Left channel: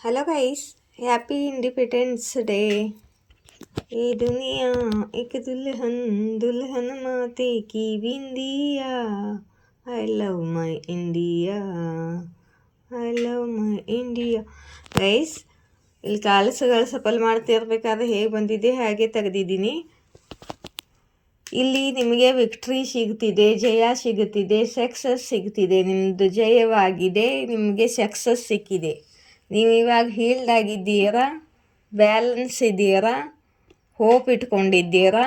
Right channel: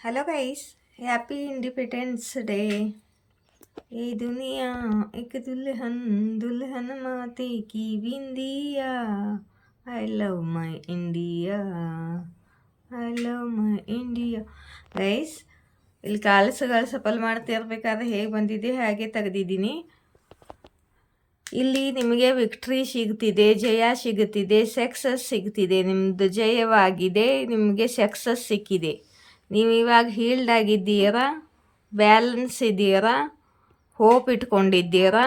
Hello guys, happy independence day. ये दुनिया एक दुल्हन दुल्हन माते की बिंदिया। I love my India, I love my India. Guys, ಇಲ್ಲಿ ಕಾಲ್ಸ್ಗಳು ಸಫಲ್ ಮಾಡ್ತಿರ್ಬೇಕಾದ್ರೆ ಹೇಗೆ ಬಂದಿದೆ ಹಾಗೆ ತೆಗೆದಿದ್ದೀನಿ. ಇಲ್ಲಿ ನಿಮಗೆ ವಿಕ್ಟ್ರಿ ಸಿಗ್ತಿದೆ, ಜಯ ಸಿಗುತ್ತಿದೆ, ಸಕ್ಸಸ್ ಸಿಗ್ತಿದೆ. ನಿಮ್ಮದು ಜಯವಾಗಿದೆ, ನಿಮಗೆ ಸಕ್ಸಸ್ ಸಿಕ್ಕಿದೆ. ನೀವು ಇವಾಗ ಹೀಲ್ಡ್ ಆಗಿದ್ದೀರಾ, ಬ್ಯಾಲೆನ್ಸ್ ಇದ್ದೀರಾ, ಹೋಪ್ ಇಟ್ಕೊಂಡಿದ್ದೀರಾ,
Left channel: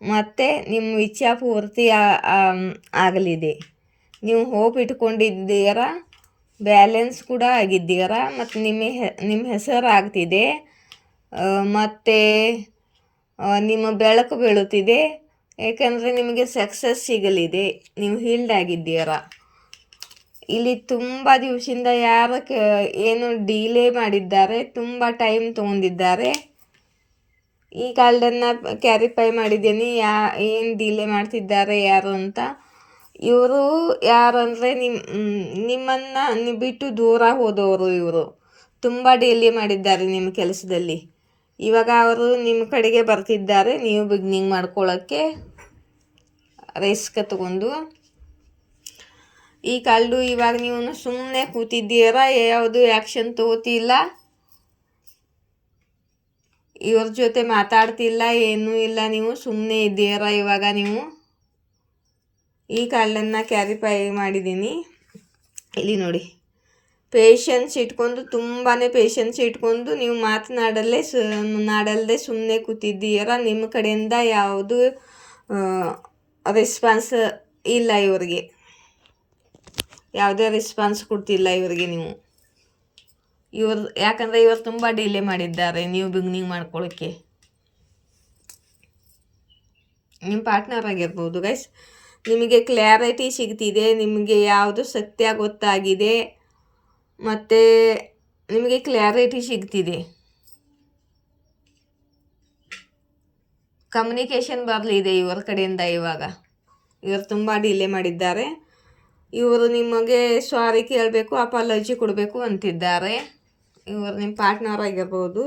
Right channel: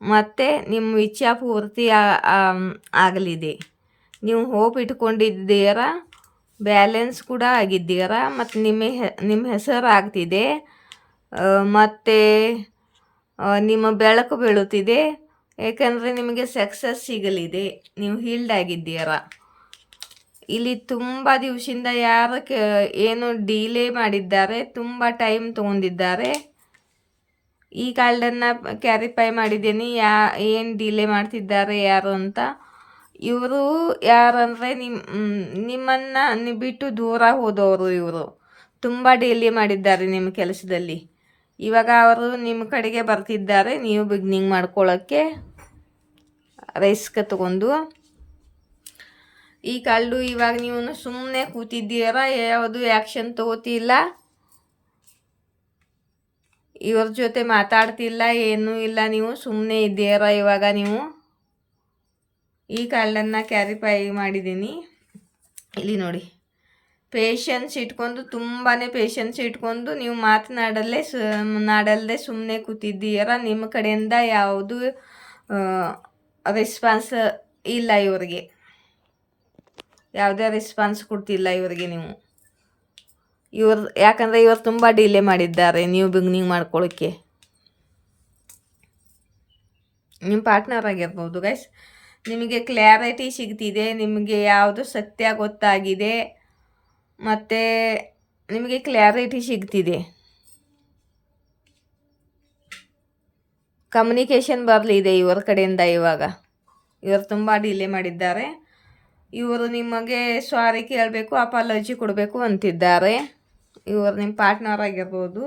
ಮತ್ತು ನಿಮ್ಮ ಇಚ್ಛಾ ಪೂರ್ತಿ ಆಗಲಿದೆ. ನೀವು ಹೋಪ್ ಇಟ್ಕೊಂಡಿದ್ದೀರಾ, ಬ್ಯಾಲೆನ್ಸ್ ಕೂಡ ಆಗಿದ್ದೀರಾ, ಮತ್ತು ನಿಮ್ಮ ಹೆಸರು ಆಗ್ತಿದೆ, ಮತ್ತು ನಿಮ್ಮ ಬೆಳಕು ಬೀಳುತ್ತಿದೆ. ಏಕೆಂದರೆ ನಿಮಗೆ ಸಕ್ಸಸ್ ಸಿಗಲಿದೆ, ನೀವು ಹೀಲ್ಡ್ ಆಗಿದ್ದೀರಾ. ಇಲ್ಲಿ ತುಂಬ ದಿವಸದಿಂದ ಏನು ಡಿಲೇ ಮಾಡಿದ್ದಾರೆ, ತುಂಬ ಟೈಮ್ ತೊಗೊಂಡಿದ್ದಾರೆ. ಈ ಕಾರ್ಡನ್ನು ಕ್ಯಾರಿಫೈ ಮಾಡಿದ್ದೀನಿ, ಏನು ಡಿಲೇ ಮಾಡ್ತಿದ್ದಾರೆ ಯಾರು ಅಂತ. ಇವರು ಯಾರಂದರೆ ನಿಮ್ಮನ್ನು ಬಿಟ್ಟು ದೂರ ಹೋದವರು. ಇವರು ತುಂಬ ಡಿಲೇ ಮಾಡಿದ್ದಾರೆ ನಿಮ್ಮ ಕೆಲಸದಲ್ಲಿ. ಇವಾಗ ಅವರು ನಿಮ್ಮ ಕಡೆಗೆ ಬರ್ತಿದ್ದಾರೆ, ನೀವು ಬಿಗ್ನಿಂಗ್ ಮಾಡ್ಕೊಳ್ಳೋಕ್ಕೆ ರಿಸ್ಕ್ ತಗೊಂಡು. ಈ ಕಾರ್ಡು ಇವಾಗ ನೀವು ಸುಮ್ಮನೆ ಕೂತಿದ್ದೀರಾ, ಯಾವುದು ಆ್ಯಕ್ಷನ್ ತಗೋತಿಲ್ಲ, ಇವ್ರ ಜೊತೆ ಮಾತಾಡ್ತಿಲ್ಲ, ಏನೂ ಇಲ್ಲ, ನೀವು ಸುಮ್ಮನೆ ಇದ್ದೀರಾ. ಇವಾಗ ನೀವು ಈ ಕಾರ್ಡನ್ನು ಕ್ಯಾರಿಫೈ ಮಾಡಿದ್ದೀನಿ. ಇಲ್ಲಿ ನೋಡಿ, ಪೇಷನ್ಸ್ ಇಟ್ಕೊಂಡು, ತುಂಬಾ ಪೇಷನ್ಸ್ ಇಟ್ಕೊಂಡು ನೀವು ನಾಡಲ್ಲದೆ ಸುಮ್ಮನೆ ಕೂತಿದ್ದೀರಾ. ನಿಮ್ಮ ಕಡೆಯಿಂದ ಯಾವುದು ರೆಸ್ಪಾನ್ಸ್ ಇಲ್ಲ, ಇವರಿಗೆ ಯಾವುದೇ ರೆಸ್ಪಾನ್ಸ್ ಕೊಡ್ತಿಲ್ಲ ಇವರಿಗೆ ನೀವು. ಯಾಕಂದರೆ ಇವರು ತುಂಬ ಡಿಲೇ ಮಾಡಿದ್ದಾರೆ ನೀವು ಬಿಗ್ನಿಂಗ್ ಮಾಡ್ಕೊಳ್ಳೋಕ್ಕೆ. ನಿಮ್ಮ ಪಾರ್ಟ್ನರ್ ಆಗಿರ್ಬೋದು ಗೈಸ್. ನಿಮಗೆ ಕ್ಲಾರಿಟಿ ಸಿಗ್ತಿದೆ, ನಿಮಗೆ ಯಾವುದು ಸತ್ಯ ಗೊತ್ತಾಗಿದೆ, ಮತ್ತು ನಿಮಗೆ ಕ್ಲಾರಿಟಿ ಸಿಗ್ತಿದೆ. ಕಮ್ಯುನಿಕೇಷನ್ ಬರಲಿದೆ ಇವರ ಕಡೆಯಿಂದ. ಇವರು ತುಂಬ ಡಿಲೇ ಮಾಡಿದ್ದಾರೆ. ಇವರು ನಿಮಗೆ ಸಾರಿ ಕೇಳಬೇಕು, ಅಪಾಲಜಿ ಕೊಡಬೇಕು ಅಂತಿದ್ದಾರೆ. ಇವರು ನಿಮ್ಮ ಪಾರ್ಟ್ನರ್ ಆಗಿರ್ಬೋದು.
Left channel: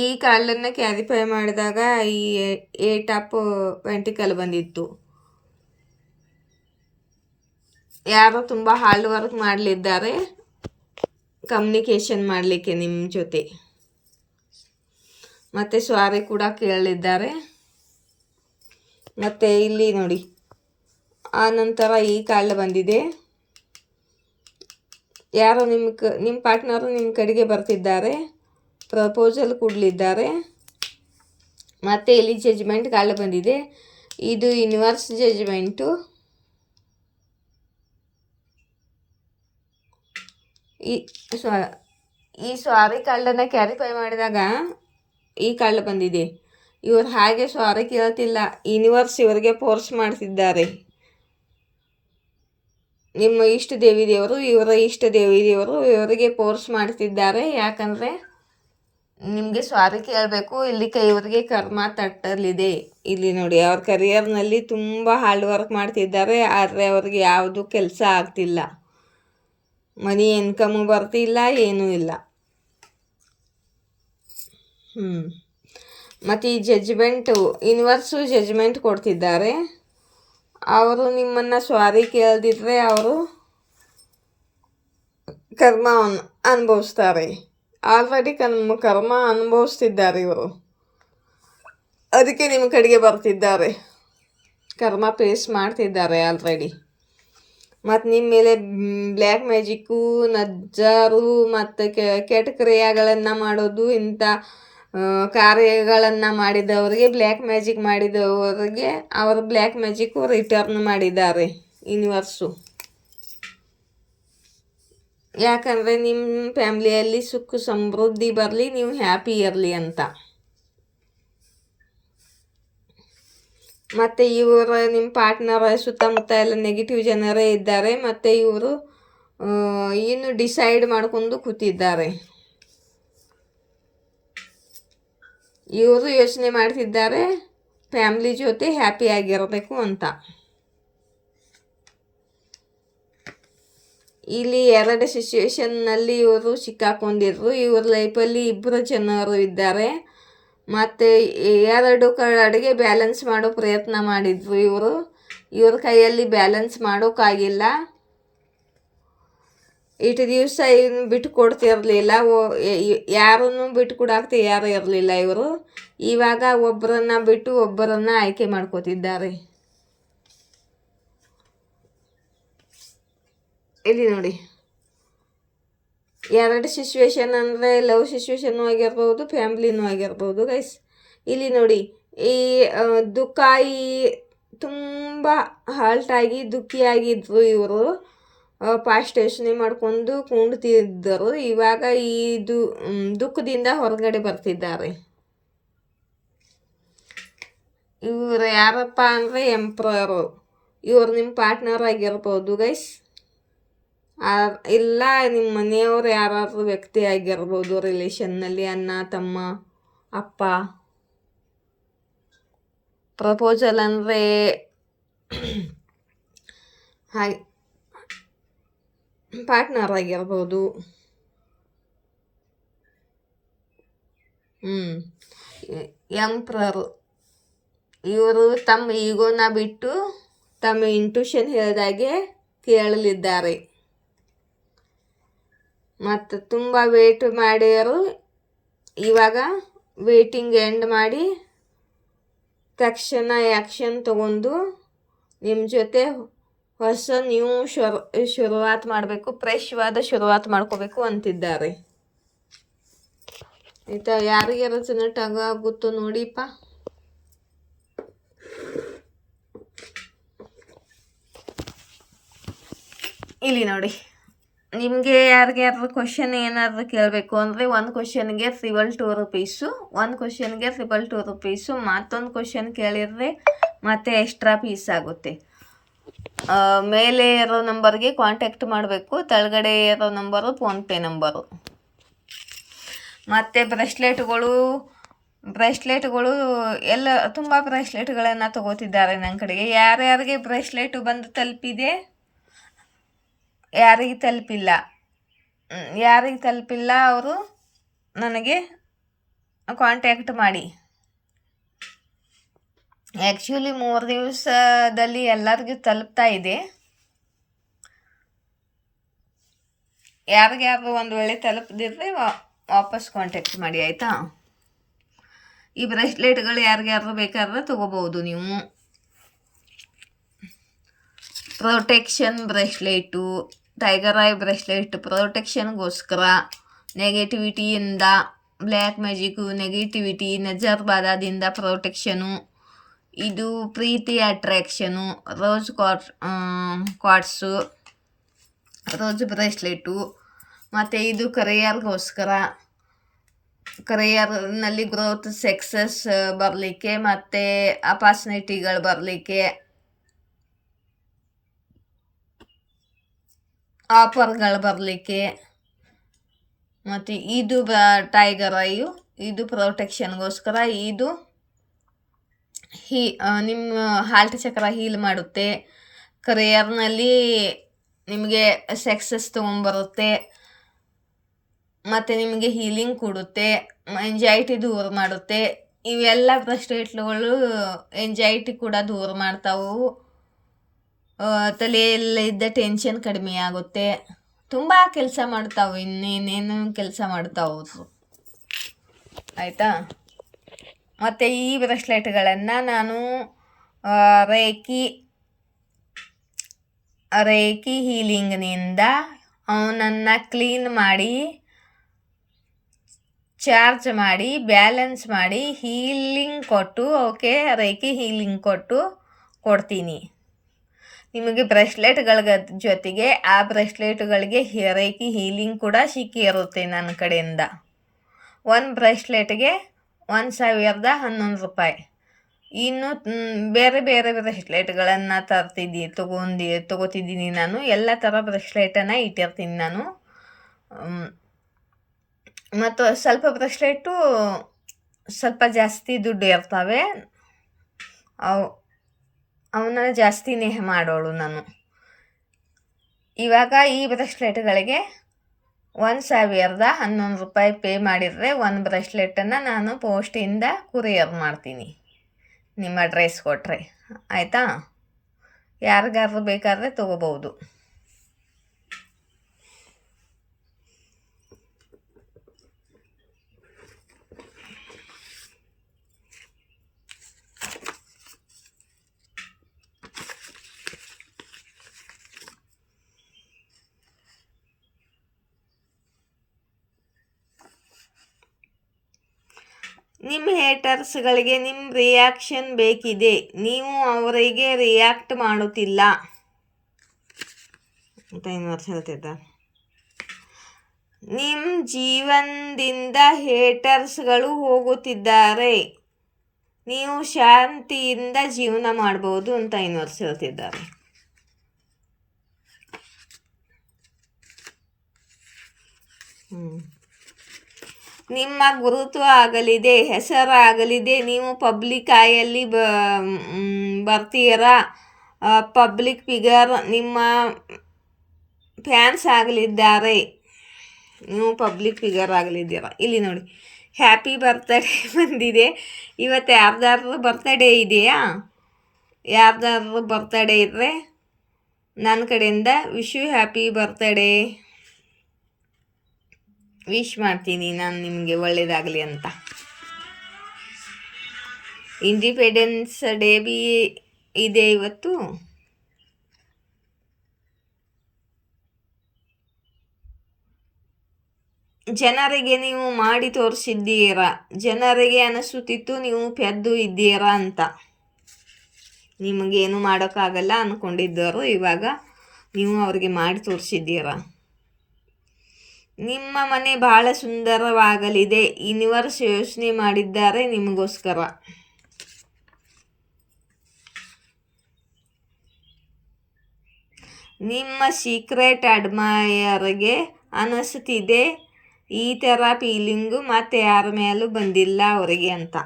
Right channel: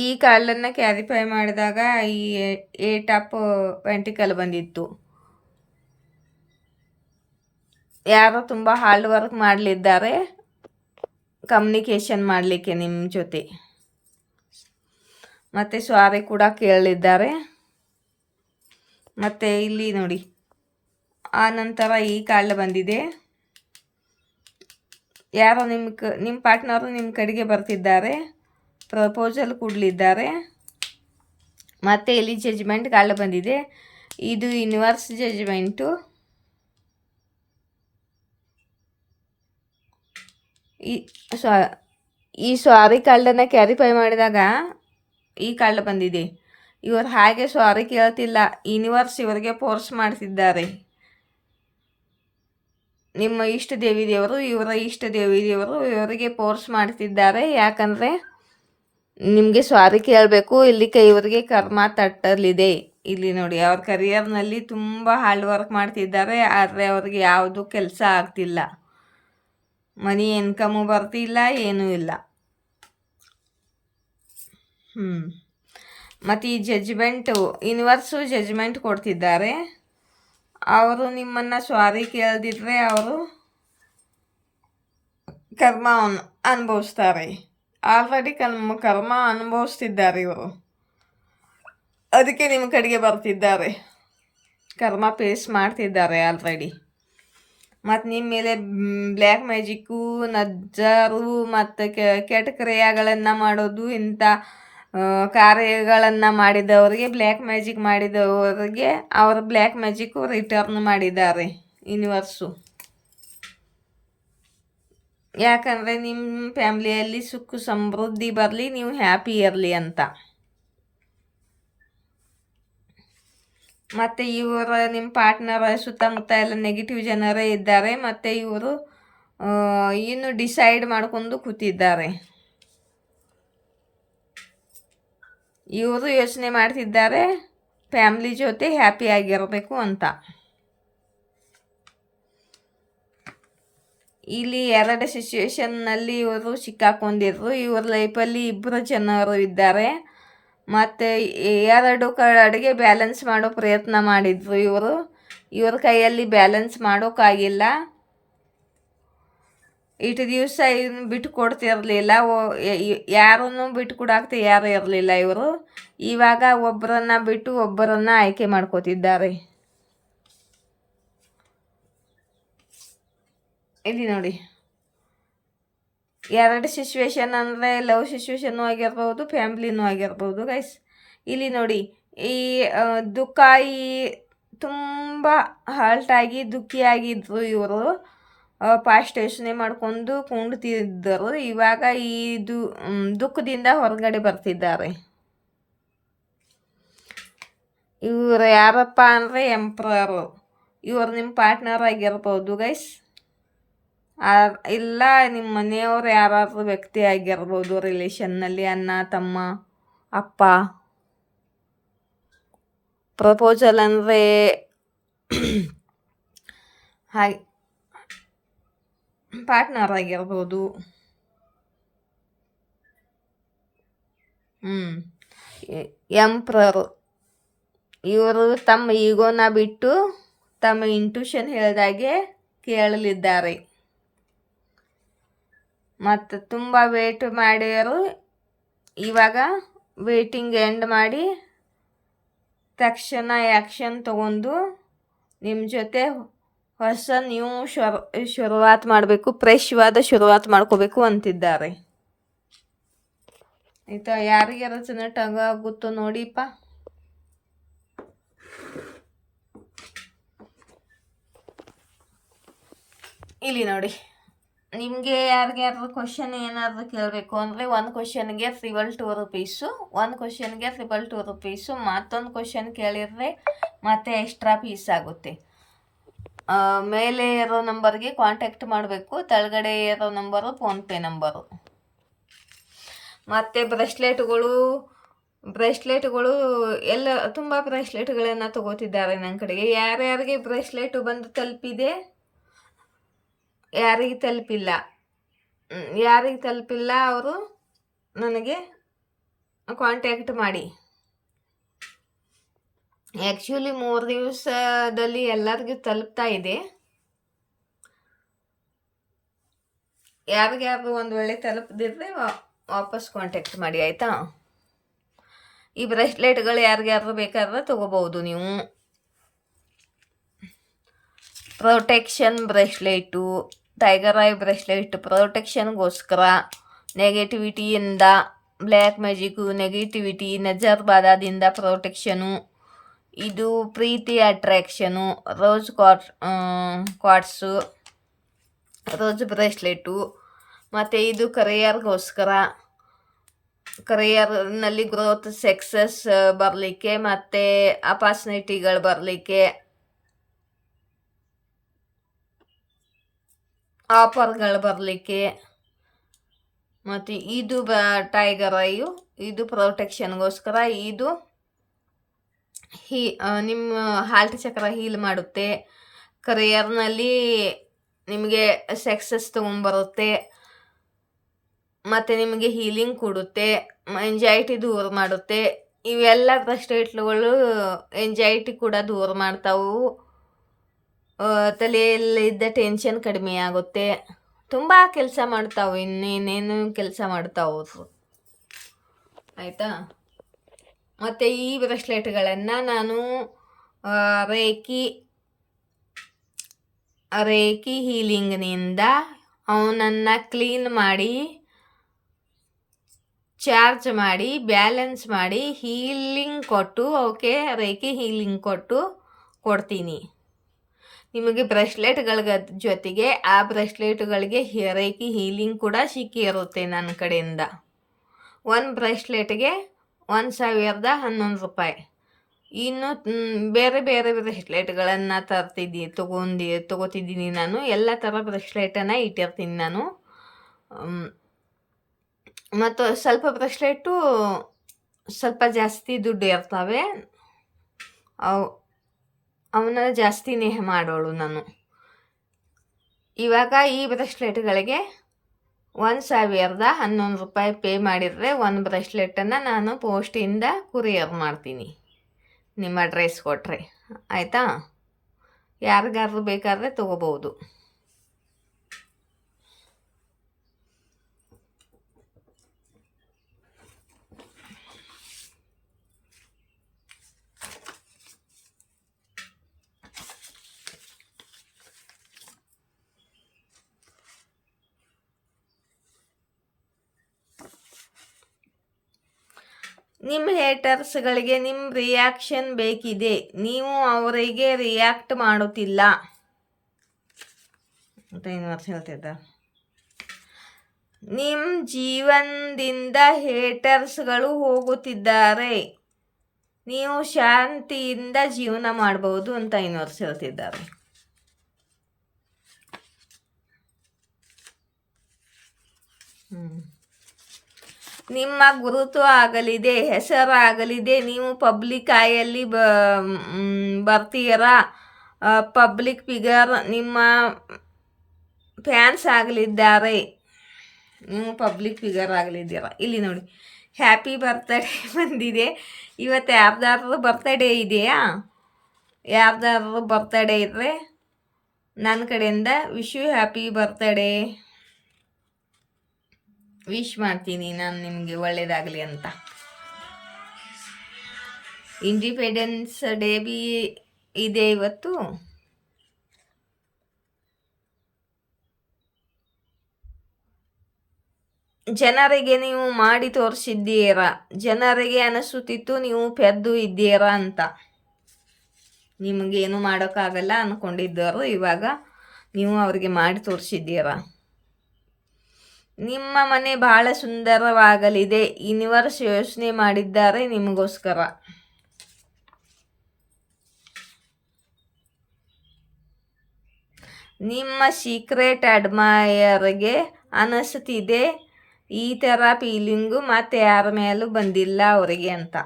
ಈ ಕಾಲನ್ನು ಕ್ಯಾರಿಫೈ ಮಾಡಿದಾಗ ಈ 8 ಆಫ್ ಪೆಂಟಿಕಲ್ ಬಂದಿತ್ತು. ಯಾರೋ ತುಂಬ ಹಾರ್ಡ್ ವರ್ಕ್ ಮಾಡಲಿದ್ದಾರೆ ಕಮ್ಯುನಿಕೇಷನ್ ಮಾಡಲಿಕ್ಕೆ ನಿಮ್ಮ ಜೊತೆ, ಮತ್ತು ಸಾರಿ ಕೂಡ ಕೇಳಲಿದ್ದಾರೆ. ಮತ್ತು ಇಲ್ಲಿ ನೋಡಿ, ಆ ನಂತರ ಈ ಕಾರ್ಡ್ ಬಂದಿದೆ. ಯಾರೋ ನಿಮ್ಮ ಪಾರ್ಟ್ನರು ನಿಮ್ಮ ಕಡೆಗೆ ಬರ್ತಿದ್ದಾರೆ, ಪ್ರಪೋಸಲ್ ಕೊಡಲಿದ್ದಾರೆ. ಮತ್ತು ಇಲ್ಲಿ ಜಜ್ಮೆಂಟ್ ಕಾರ್ಡ್ ಬಂದಿದೆ. ಇದು ಯೂನಿವರ್ಸ್ ಜಜ್ಮೆಂಟು. ಈ ಸಾರಿ ಕಾರ್ಡನ್ನು ಕ್ಯಾರಿಫೈ ಮಾಡಿದಾಗ ಈ ಕಾರ್ಡ್ ಬಂದಿದೆ. ಇವರು ಹಾಗೆ ಸಾರಿ ಕೇಳ್ತಿಲ್ಲ, ಯೂನಿವರ್ಸ್ ಇವರಿಗೆ ಫೋರ್ಸ್ ಮಾಡ್ತಿದ್ದಾರೆ. ನಿಮ್ಮ ಇಷ್ಟ ದೇವಿದೇವರು, ಇವರ ಇಷ್ಟ ದೇವಿದೇವರು ಇವರಿಗೆ ಫೋರ್ಸ್ ಮಾಡ್ತಿದ್ದಾರೆ. ಯಾಕಂದರೆ ನಿಮಗೆ ಸಾರಿ ಕೇಳಬೇಕು, ಇಲ್ಲಿ ಇವರಿಗೆ ಕರ್ಮ ತಟ್ಟಲಿದೆ. ಇಲ್ಲಿ ನೋಡಿ, ಅವ್ರ ಕರಿಯರ್ನಲ್ಲಿ ತುಂಬ ಹಾರ್ಡ್ ವರ್ಕ್ ಮಾಡ್ತಿದ್ದಾರೆ, ಆದರೆ ಅವ್ರಿಗೆ ಯಾವುದು ಕೆಲಸ ಆಗ್ತಿಲ್ಲ, ಮನಿ ಇನ್ಕಮು ಬರ್ತಿಲ್ಲ, ಏನೂ ಇಲ್ಲ. ಮತ್ತು ಈ ಜಜ್ಮೆಂಟು, ಯೂನಿವರ್ಸು ಜಜ್ಮೆಂಟ್ ಕೊಡ್ತಿದ್ದಾರೆ. ಅವರು ನಿಮ್ಮನ್ನು ಸಾರಿ ಕೇಳದಿದ್ರೆ ಅವರು ಕರ್ಮ ಅನುಭವಿಸ್ತಾರೆ. ಆಲ್ರೆಡಿ ಕರ್ಮ ಅನುಭವಿಸ್ತಿದ್ದಾರೆ ಇವರು, ಅದಕ್ಕೆ ನಿಮ್ಮ ಕಡೆಗೆ ಬರ್ತಿದ್ದಾರೆ, ಕರ್ಮ ಫೇಸ್ ಮಾಡ್ತಿದ್ದಾರೆ ಆಲ್ರೆಡಿ. ಮತ್ತು ನಿಮ್ಮ ಮೇಲೆ ಬ್ಲ್ಯಾಕ್ ಮ್ಯಾಜಿಕ್ಕು, ನಜ್ಜಾರು ಮತ್ತು ಕೆಟ್ಟ ಕ್ರಿಯೆಗಳನ್ನು ಮಾಡೋದು, ಇಂಥ ಕಾರ್ಯಗಳನ್ನು ಮಾಡಿದವರಿಗೆ, ಬ್ಲ್ಯಾಕ್ ಮ್ಯಾಜಿಕ್ ಮಾಡಿದವರಿಗೆ ಅವರು ಬ್ಲ್ಯಾಕ್ ಮ್ಯಾಜಿಕ್ಕು ರಿಟರ್ನ್ ಮಾಡಿದ್ದಾರೆ ಯೂನಿವರ್ಸು. ಯಾಕಂದರೆ ನಿಮ್ಮ ಫ್ಯಾಮ್ಲಿಯಲ್ಲಿ ಸುಖ ಸಮೃದ್ಧಿ ಬರಲಿ, ನೀವು ಹ್ಯಾಪಿ ಇರಲಿ ಅಂತ. ಮತ್ತು ನಿಮ್ಮ ಪಾರ್ಟ್ನರ್ ಸುತ್ತಮುತ್ತ ಎಲ್ಲ ನೆಗೆಟಿವ್ ಜನರೇ ಇದ್ದಾರೆ. ಮತ್ತು ಇವರು ಇನ್ನು ಡಿಸೈಡ್ ಮಾಡ್ಕೊಂಡು ಕೂತಿದ್ದಾರೆ. ಇವರು ಯೋಚನೆ ಮಾಡ್ತಿದ್ದಾರೆ, ಫ್ಯಾಮ್ಲಿ ಜೊತೆ ಹ್ಯಾಪಿಯಾಗಿರಬೇಕು ಅಂತ. ಇಲ್ಲಿ 2 ಸಿಚುವೇಶನ್ನಲ್ಲಿ ಇವರು ಸಿಕ್ಕಾಕೊಂಡಿದ್ರು. ಇವ್ರ ಲೈಫಲ್ಲಿ 2 ಜನರು ಇದ್ದಾರೆ. ಮತ್ತು 2 ಕಡೆಗೆ ಬ್ಯಾಲೆನ್ಸ್ ಮಾಡೋ ಪ್ರಯತ್ನ ಮಾಡಿದ್ರು ಇವರು. ಇವ್ರ ಕೈಯಲ್ಲಿ ಬ್ಯಾಲೆನ್ಸ್ ಮಾಡೋಕ್ಕಾಗಿಲ್ಲ. ಇಷ್ಟು ದಿವಸ ಇನ್ನು ಬಿಟ್ಟು ಕೊಡ್ತಿರಲಿಲ್ಲ, ಯಾರನ್ನು ಬಿಟ್ಟು ಕೊಡಾಕ್ತಿ ಯಾರು ಇರಲಿಲ್ಲ ಇವರು. ಇವಾಗ ಒಬ್ಬರನ್ನು ಬಿಟ್ಟು ಒಬ್ಬರನ್ನು ಆಯ್ಕೆ ಮಾಡ್ಕೋತಿದ್ದಾರೆ. ಇಲ್ಲಿ ನೋಡಿ, 2 ಸಿಚುವೇಶನ್ ಅಂದರೆ ಲವ್ ಸಿಚುವೇಶನ್ನು ಆಗಿರ್ಬೋದು, ಫ್ಯಾಮ್ಲಿನೂ ಆಗಿರ್ಬೋದು ಗೈಸ್. ಇಲ್ಲಿ ನೋಡಿ, ಈ ದುಃಖ, ಈ ತುಂಬ ಹಾಲ್ಟಾಗಿ ದುಃಖಿಯಾಗಿದ್ದರು ಇವರು. ಪಾಸ್ಟ್ ಯೋಚನೆ ಮಾಡಿಕೊಂಡು ಕುಂಡ್ತಿದ್ದರು. ಇವಾಗ ಈ ದುಃಖದಿಂದ ಹೊರಗಡೆ ಬರ್ತಿದ್ದಾರೆ. ಇವರು ಯಾರಪ್ಪ ಅಂದರೆ ಎಂಪ್ರರು. ಇವರು ನಿಮ್ಮ ಪಾರ್ಟ್ನರ್ ಆಗಿರ್ಬೋದು ಗೈಸ್, ಇಲ್ಲ ನಿಮ್ಮ ಮನೆಯವರು ಯಾರಾದರೂ ವ್ಯಕ್ತಿ ಆಗಿರ್ಬೋದು. ರಿಲೇಷನ್ನಲ್ಲಿ ಅಣ್ಣ, ತಮ್ಮ, ಅಪ್ಪ. ಪ್ರಪೋಸಲ್ ಅಂದರೆ ಹಾಗೆ ಪಾರ್ಟ್ನರ್ ಆಗಿರ್ಬೋದು. ಎಂಪ್ರರು ಇವರು ತಮ್ಮ ಈಗೋನ ಬಿಟ್ಟು ತಮ್ಮ ಇಂಟ್ಯೂಷನ್ ಹೇಳಿದಾಗೆ ಕೇಳಲಿದ್ದಾರೆ. ಮತ್ತು ತುಂಬ ವೇಟ್ ಮಾಡ್ಯಾರು. ಇವಾಗ ವೇಟಿಂಗ್ ಎಂಡ್ ಮಾಡಿ ತಕ್ಷಣ ಆ್ಯಕ್ಷನ್ ತಗೊಂಡು ನಿಮ್ಮ ಜೊತೆ ಹೊಸ ನ್ಯೂ ಶುರುವಾತ್ ಮಾಡಬೇಕು, ಫ್ರೆಶ್ವಾದ ಶುರುವಾತ್ ಮಾಡ್ಕೋಬೇಕು ಅಂತಿದ್ದಾರೆ. ಆಯಿತಾ? ಯಾರಿಗೆ ರೆಸನೇಟ್ ಆಗುತ್ತೋ ನೋಡಿಪ್ಪ. ಇಲ್ಲಿ ನೋಡಿ, ನಿಮಗೆ ಯಾರಿಗಾದ್ರೂ ಕ್ವಶನ್ ಏನಾದರೂ ಕೇಳಬೇಕು ಅಂದರೆ ಒಂದು ಕ್ವಶನ್ಗೆ 2 ರೂಪೀಸು, ಒಂದು ಕ್ವಶನ್ಗೆ 2 ರೂಪೀಸು. ಮತ್ತೊಂದು ಕ್ವಶನ್ ಕೇಳಿದರೆ ಮತ್ತೆ ಎಕ್ಸ್ಟ್ರಾ ಫೀಸ್ ಆಗುತ್ತೆ. ಮೇಲೆ ಇರೋ ನಂಬರ್ಗೆ ಕಾಂಟ್ಯಾಕ್ಟ್ ಮಾಡಬೇಕು, ಕೆಳಗಡೆ ಇರೋ ನಂಬರು ಫೋನ್ಪೇ ನಂಬರು. ಮತ್ತು ಬ್ರೇಸ್ಲೆಟ್ಗಳು ಎಲ್ಲ ತುಂಬ ಬ್ರೇಸ್ಲೆಟ್ಗಳನ್ನು ತಗೋತಿದ್ದಾರೆ ನನ್ನ ಕಡೆಗೆ. ಯಾರ್ಯಾರಿಗೆ ಬ್ರೇಸ್ಲೆಟು ಬಂದು ತಲುಪಿದೆ, ಯಾರಿಗೆ ತಲುಪಿಲ್ಲ ಅವರು ನನಗೆ ಕಾಂಟ್ಯಾಕ್ಟ್ ಮಾಡಿ. ಆ್ಯಕ್ಚುಲಿ 3 ದಿವಸದಲ್ಲಿ ಎಲ್ಲರಿಗೂ ತಲುಪ್ತಾ ಇದೆ. ಯಾರಿಗ್ಯಾರು ಒಂದು ವೇಳೆ ತಲುಪದಿದ್ರೆ ವಾಪಸ್ ಕಾಂಟ್ಯಾಕ್ಟ್ ಮಾಡಿ, ಆಯಿತಾ? ಈ ಬ್ರೇಸ್ಲೆಟ್ಗಳು ಯಾರಿಗ್ಯಾರು ಬೇಕಾದ್ರೆ ತೊಗೋಬೋದು ನೀವು. Protection bracelet, tiger eye bracelet ಪ್ರೊಟೆಕ್ಷನ್ಗೋಸ್ಕರ, ನೆಗೆಟಿವಿಟಿಯಿಂದ, ಬ್ಲ್ಯಾಕ್ ಮ್ಯಾಜಿಕ್ಕು, ನೆಗೆಟಿವಿಟಿ, ನಜರ್ ಬಾಧದಿಂದ ಪ್ರೊಟೆಕ್ಷನು. ಇದು ಪ್ರೀತಿ attraction, rose quartz, rose bracelet. ಮತ್ತು ಇದು ಕರಿಯರ್ಗೋಸ್ಕರ, ಕರಿಯರ್ನಲ್ಲಿ ಗ್ರೋತ್, ಸಕ್ಸಸ್ ಬರಲಿಕ್ಕೆ, ಮತ್ತು ಅಪಾರ್ಚುನಿಟಿಗಳು ಬರಲಿಕ್ಕೆ, ಆಫರ್ಗಳು ಬರಲಿಕ್ಕೆ. ಮತ್ತು ಇದು ಟೈಗರ್ ಐಯು, ಇದು ಪ್ರೊಟೆಕ್ಷನ್ಗೋಸ್ಕರ. ಇದು ನಿಮ್ಮ ಹಾರ್ಟ್ ಚಕ್ರ ಹೀಲ್ ಮಾಡುತ್ತೆ. ಕರಿಯರ್ನಲ್ಲಿ ನಿಮಗೆ ಸಕ್ಸಸ್ ತೊಗೊಂಬರುತ್ತೆ, ಮತ್ತು ನಿಮಗೆ ಹೀಲಿಂಗ್ ಕೊಡುತ್ತೆ, ಎಂಜೈಟಿ ದೂರ ಮಾಡುತ್ತೆ. ಇವೆಲ್ಲ ಬ್ರೇಸ್ಲೆಟ್ಗಳು ಎಂಜೈಟಿ ಕೂಡ ದೂರ ಮಾಡ್ತಾವು. ತಲೆಯಲ್ಲಿದ್ದ ಟೆನ್ಷನ್ ಕಡಿಮೆ ಆಗುತ್ತೆ. ತುಂಬ ಕೆಲಸ ಮಾಡ್ತಾವೆ, ಇನ್ನೇನೇನು ಕೆಲಸ ಮಾಡ್ತಾವು, ಆಯಿತಾ? ಮತ್ತು ಈ ಬ್ರೇಸ್ಲೆಟ್ಗಳನ್ನು ನಾನು ರೇಖಿ ಹೀಲಿಂಗ್ನಿಂದ ಅವನನ್ನು ಕ್ಲೀನ್ ಮಾಡಿ, ಚಾರ್ಜ್ ಮಾಡಿ, ಬ್ಯಾಲೆನ್ಸ್ ಮಾಡಿ, ಹೀಲಿಂಗ್ ಕೊಟ್ಟು, ರೇಖಿ ಹೀಲಿಂಗ್ ಕೊಡ್ತೀನಿ ನಿಮಗೆ. ಬ್ರೇಸ್ಲೆಟ್ಗಳ ಜೊತೆಗೆ ಆ ಬ್ರೇಸ್ಲೆಟ್ಗಳಿಗೆ ರೇಖಿ ಹೀಲಿಂಗ್ ಕೂಡ ಸಿಕ್ಕಿರುತ್ತೆ ನನ್ನ ಕಡೆಯಿಂದ. ಒಂದು ಬ್ರೇಸ್ಲೆಟ್ಗೆ 1011 ರೂಪಾಯಿ. ಇನ್ನು ಬೇರೆ ಬೇರೆ ಬ್ರೇಸ್ಲೆಟ್ಗಳನ್ನು ತಗೋತಿದ್ದೀನಿ ನಾನು. ಎಲ್ಲ ಥರ ಬ್ರೇಸ್ಲೆಟನ್ನು ಇಟ್ಟಿರ್ತೀನಿ ನಾನು. ಮತ್ತು ಸ್ವಲ್ಪ ಬ್ರೇಸ್ಲೆಟು ಸ್ವಲ್ಪ ಜಾಸ್ತಿ ದುಡ್ಡು ಇರ್ತವೆ. ಅವನ್ನ ಜಾಸ್ತಿ ನೇಹ ಮಾಡೋಳು ನಾನು. ಇವಾಗ ಈ ಬ್ರೆಸ್ಲೆಟ್ಗಳಿಗೆ 1,011 ರೂಪಾಯಿ ಪೇ ಮಾಡಿದರೆ ಒಂದು ಬ್ರೆಸ್ಲೆಟನ್ನು ನಾನು ಪೋಸ್ಟಿಂದ ಕುರಿಯರ್ ಮಾಡ್ತೀನಿ, ನಿಮ್ಮ ಅಡ್ರೆಸ್ ಕೊಟ್ಟರೆ. ಆಯಿತಾ? ಯಾರಿಗಾದ್ರೂ ಬೇಕಾದರೆ ತೊಗೋಬೋದು. ನಿಮ್ಮ ಹೇಟರ್ಸ್ಗಳಿಗೆ ನಿಮ್ಮ ರಿಯಾಕ್ಷನ್ ಬೇಕಿದೆ, ನೀವು ಅವರಿಗೆ ರಿಯಾಕ್ಟ್ ಮಾಡುತ್ತಿಲ್ಲ ಅಂತ ಯೂನಿವರ್ಸ್ ಹೇಳ್ತಿದ್ದ. ನಿಮ್ಮ ಜೀವನದಿಂದ ಹೇಟರ್ಸ್ಗಳು ಹೋಗುತ್ತಿದ್ದಾರೆ, ನೀವು ಶಾಂತಿಯಿಂದ ಜೀವನ ಮಾಡ್ಬೋದು ಅಂತ ಯೂನಿವರ್ಸ್ ಹೇಳ್ತಿದ್ದಾರೆ. ನಿಮ್ಮ ಗುರುತು ಆಗಲಿದೆ, ಹೆಸರಾಗಲಿದೆ, ನೀವು ಪಬ್ಲಿಕ್ ಆಯಲ್ಲಿ ಬರ್ತೀರಾ, ಪಬ್ಲಿಕ್ ಫಿಗರ್, ನಿಮ್ಮ ಫ್ಯಾನ್ಸ್ ಆಗಲಿದ್ದಾರೆ, ನೀವು ಪಬ್ಲಿಕ್ ಫಿಗರ್ ಆಗಲಿದ್ದೀರ. ಇಲ್ಲಿ ನೋಡಿ, ಹ್ಯಾಪಿ ಬರ್ತ್ಡೇ ಬಂದಿದೆ. ಇವತ್ತು ಯಾರ್ದಾದ್ರೂ ಬರ್ತ್ಡೇ ಇದೆಯಾ? ಯಾರ್ದಾದ್ರೂ ಬರ್ತ್ಡೇ ಇದ್ದರೆ ನನ್ನ ಕಡೆಯಿಂದ wish you happy birthday wish ಮಾಡ್ತೀನಿ, ನಾನು ನಿಮಗೆ ಒಳ್ಳೆಯದಾಗಲಿ ಅಂತ. ಇಂಡಿಪೆಂಡೆನ್ಸ್ ಡೇ ಬಿ ಇದೆ ಇವತ್ತು. ಜನರಿಗೆ ನೀವು ಮಾಡಿ ತೋರಿಸಿದ್ದೀರಾ, ಜನರಿಗೆ ಅನಿಸುತ್ತಿತ್ತು ನೀವು ಪೆದ್ದು ಇದ್ದೀರಾ ಅಂತ. ನಿಮಗೇನು ಮಾಡೋಕ್ಕಾಗಲ್ಲ ಅಂದ್ಕೊಂಡಿದ್ದವರು ಇವಾಗ ನೀವು ಅವರಿಗೆ ಮಾಡಿ ತೋರಿಸಿದ್ದೀರಾ. ನಿಮ್ಮ ಮನೆ ಬಹಳ ಸುಂದರವಾಗಲಿದೆ, ಯೂನಿವರ್ಸ್ ಯೋಚನೆ ಮಾಡಿದ್ದಾರೆ ನಿಮಗೋಸ್ಕರ. ನಿಮ್ಮ ಸೀಕ್ರೆಟ್ ಅಡ್ಮೈಯರ್ಗೆ ಅನಿಸ್ತಿದೆ ಈ ಥರ ಫೀಲಿಂಗು ಮತ್ತೆ ಯಾರ ಮೇಲೂ ಬಂದಿಲ್ಲ ಅವರಿಗೆ ಅಂತ.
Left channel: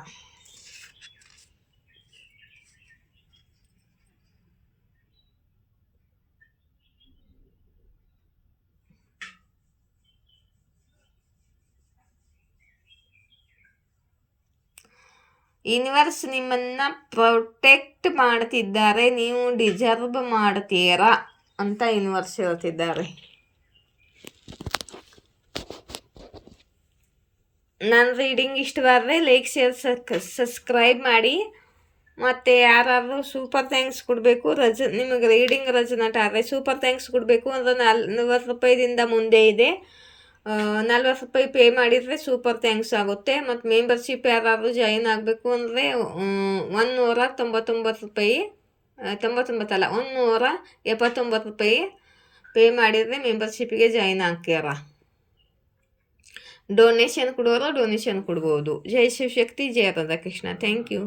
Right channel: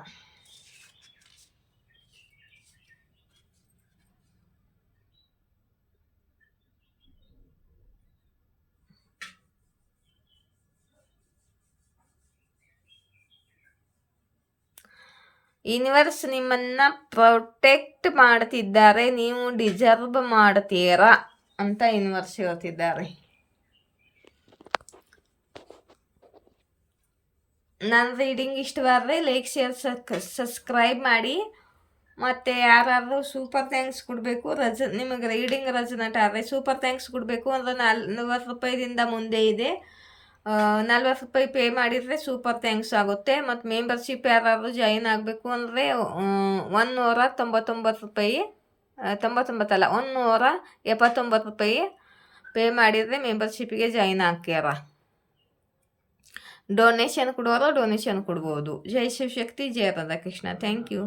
ಯೂನಿವರ್ಸ್ ನಿಮ್ಮನ್ನು ಪ್ರೊಟೆಕ್ಟ್ ಮಾಡ್ತಿದ್ದಾರೆ, ನೀವು ಡಿಸರ್ವ್ ಮಾಡ್ತೀರಾ ಅಂತ ಯೂನಿವರ್ಸ್ ಹೇಳ್ತಿದ್ದಾರೆ. ನನ್ನ ರೀಡಿಂಗ್ ಇಷ್ಟವಾದರೆ ಲೈಕ್, ಶೇರ್, ಸಬ್ಸ್ಕ್ರೈಬ್ ಮಾಡಿ. ಮತ್ತು ಯಾರಾದರೂ ಸೂಪರ್ ಥ್ಯಾಂಕ್ಸ್ ಕೊಡಬೇಕು, ನಿಮಗೆ ರೀಡಿಂಗ್ ರೆಸನೇಟ್ ಆದರೆ ಸೂಪರ್ ಥ್ಯಾಂಕ್ಸ್ ಕೊಡಬೇಕು ಅಂದರೆ 40 ರೂಪಾಯಿದಿಂದ ಮುಂದೆ ಇದೆ. 40 ರೂಪಾಯಿ ಪೇ ಮಾಡಿದರೆ ಸೂಪರ್ ಥ್ಯಾಂಕ್ಸ್ ಆಗುತ್ತೆ. ಮತ್ತು ಮೆಂಬರ್ಶಿಪ್ ಯಾರಾದರೂ ಜಾಯಿನ್ ಆಗಬೇಕು ಅಂದರೆ 199 ರೂಪಾಯಿ, 99 ಅಲ್ಲ 179 ರೂಪಾಯಿ ಪೇ ಮಾಡಿದರೆ ಮೆಂಬರ್ಶಿಪ್ಪಿಗೆ ಜಾಯಿನ್ ಆಗ್ಯಾರ. ಡೊನೇಷನ್ ಕೊಡೋರು ಡೊನೇಷನ್ ಕೊಡ್ಬೋದು. ಜೈ ಶಿವಶಕ್ತಿ, ಜಯ ರಾಧಾಕೃಷ್ಣ. Thank you.